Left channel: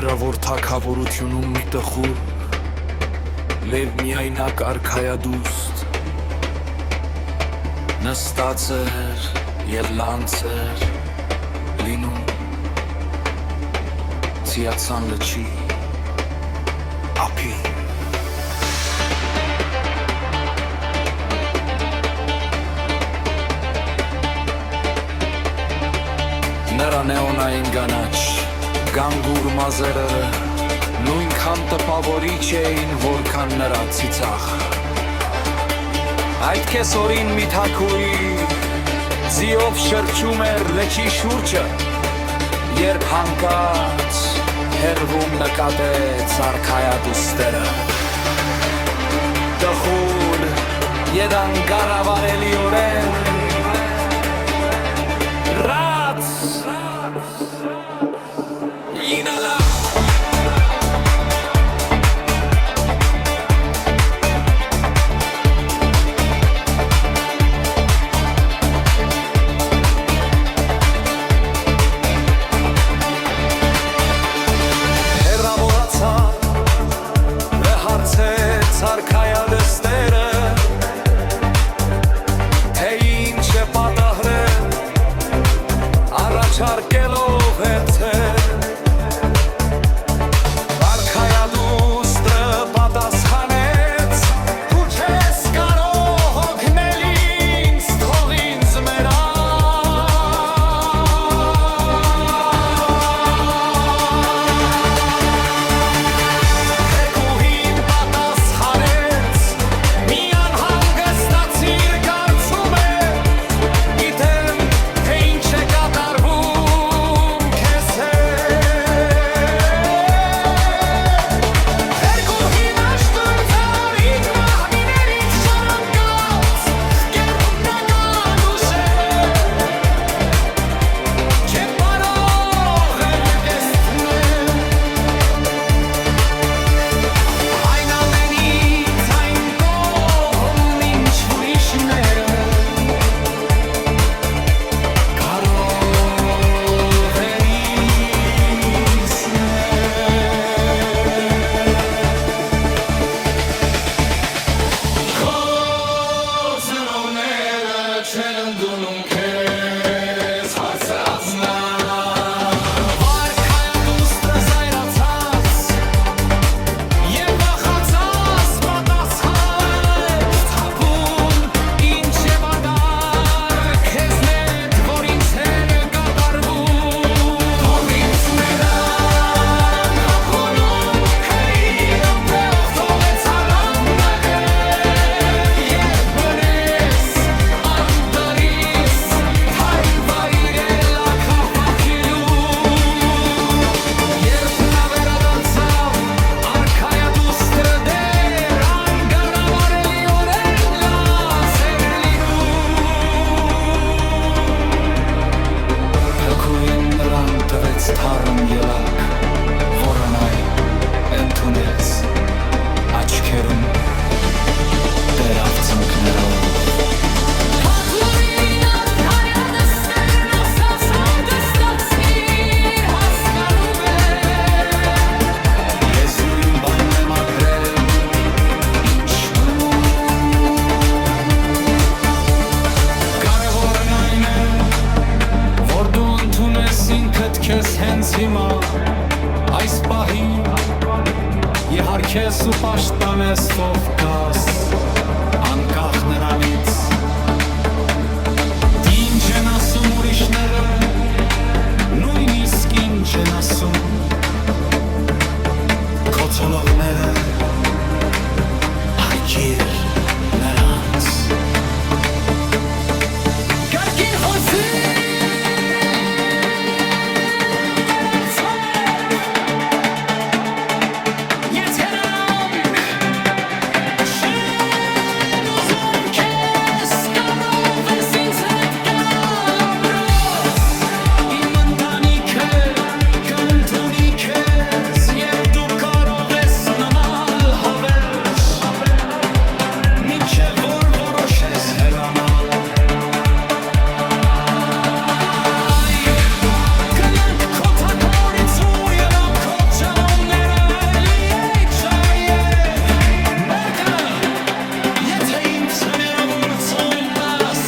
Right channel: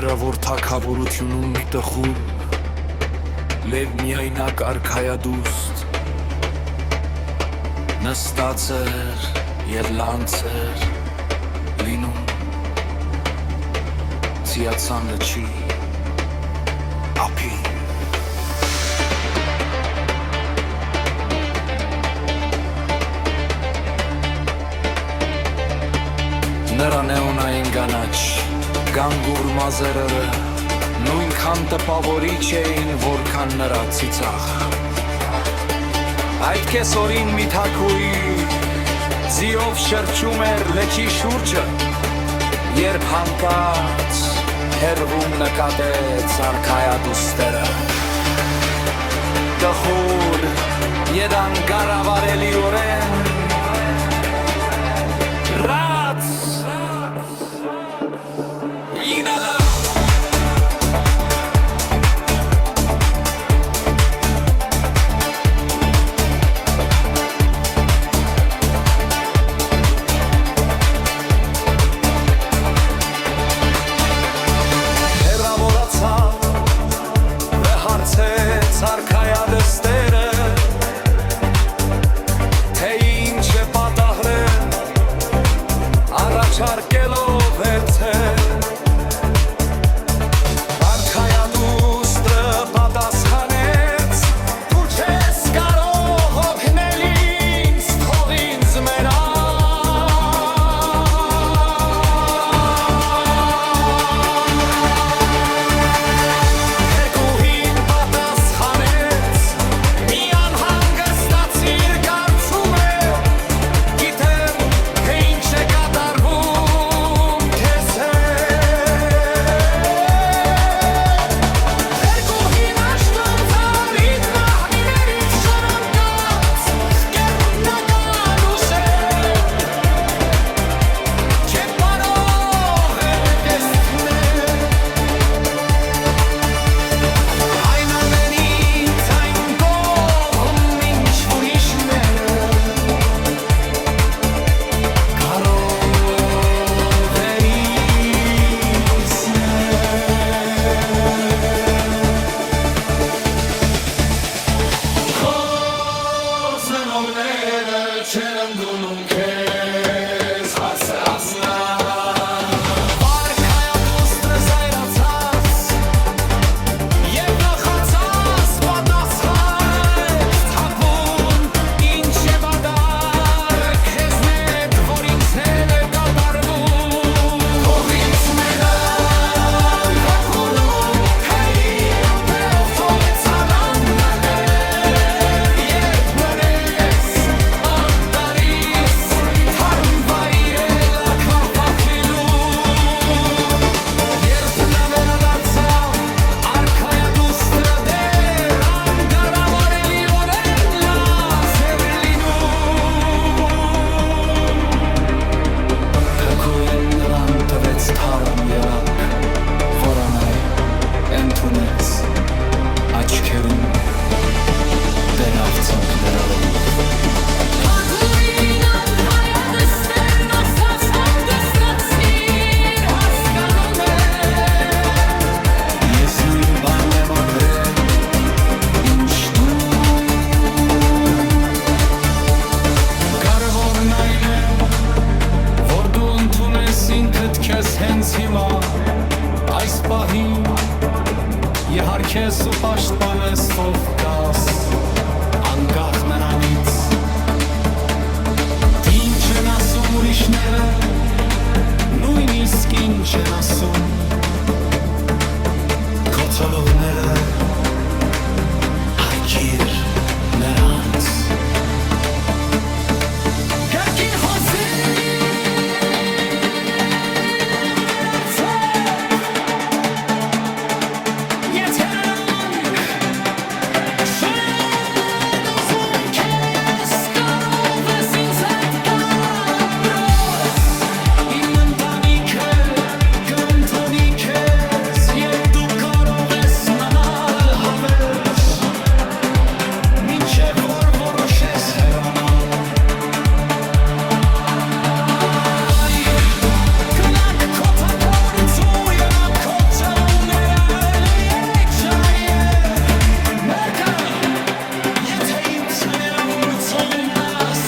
հերավոր թագավորությունում մի տխուր լև միայնակ արքայադուստ նստած էր և լանց էր լինում Ցիացան լճի ափին Նրա նեոնային գանաչ գանգուր մազերերը նույնքան տպավորիչ էին, որքան նրա ծիծաղ Այդ կեսօրին մի թագուհի ձիով շրջում էր լճի շուրջը Երբ հանկարծ հեռվում նկատեց արքայադուստերը Դխուր և անգարավարելիորեն Ռաց Ինալա Հեռավորացա Վե հարցեց արքայադստերը Թե ինչ է պատահրել Առաջարկելով հերցել Արքայադուստրը պատասխանեց Դու չես կարող օգնել ինձ, թող ինձ մեռա Թագուհին պատասխանեց Մի անհանգստացիր կարծում է Գիտեմ, թե ինչ է կատարվում քեզ հետ Թագուհին աշտուն ծարին մահմիներից շորոնդաց Կերպնական ուշեր Չէ կարող էլ կեստնել Այն ամենից այն կողմ ինչ ուրիշները Կարող է իսնել Քո զնովները չեն ընդունում քեզ հասրացնավ Արքայադուստրը զայրացած Եվ վախացած պատասխանեց Թագուն ինչ է բադար քեզ մետ որ ինձ հետ է կատարվում Թող ինձ մենամ թագունում քային ամպերով թողեց հարանգագետ Երբ մնես անդարիս թարմ վայրել ակապախիլու Երբ նա վերադարձավ արքայադուստրը դեր անգարավարելիորեն լաց էր լինում Թագուհին նրան տվեց թարմ ելակ, որն այ ընդունեց աչքերում դերավ ծնկներով Թագուհին արքայադստերն ասաց հանգստացիր հասկանում եմ Ես նույն բանն եմ ապրել ինչ դու Կարևորն այն է որ դու ընդունես ինքդ քեզ հենց հիմա այս պահին Եհարկես ու պաշտպանես ով կաս անկախ նրանից Ինչ են ասում ուրիշները նույնիսկ ինչ են ասում Քո ցոլողները հարգիր նրանց Կարգին հոսի Եթե նրանք չեն ուզում քեզ Կարող ես ինձ հետ գալ ամրոց Իմ ընտանիքը կընդունի քեզ Եվ դու կարող ես մնալ հավերժ Մինչև որ որոշես հեռանալ Գնանք քո թագավորից ու ելանք քո ջրը Եթե ինձ հներավորություն տաս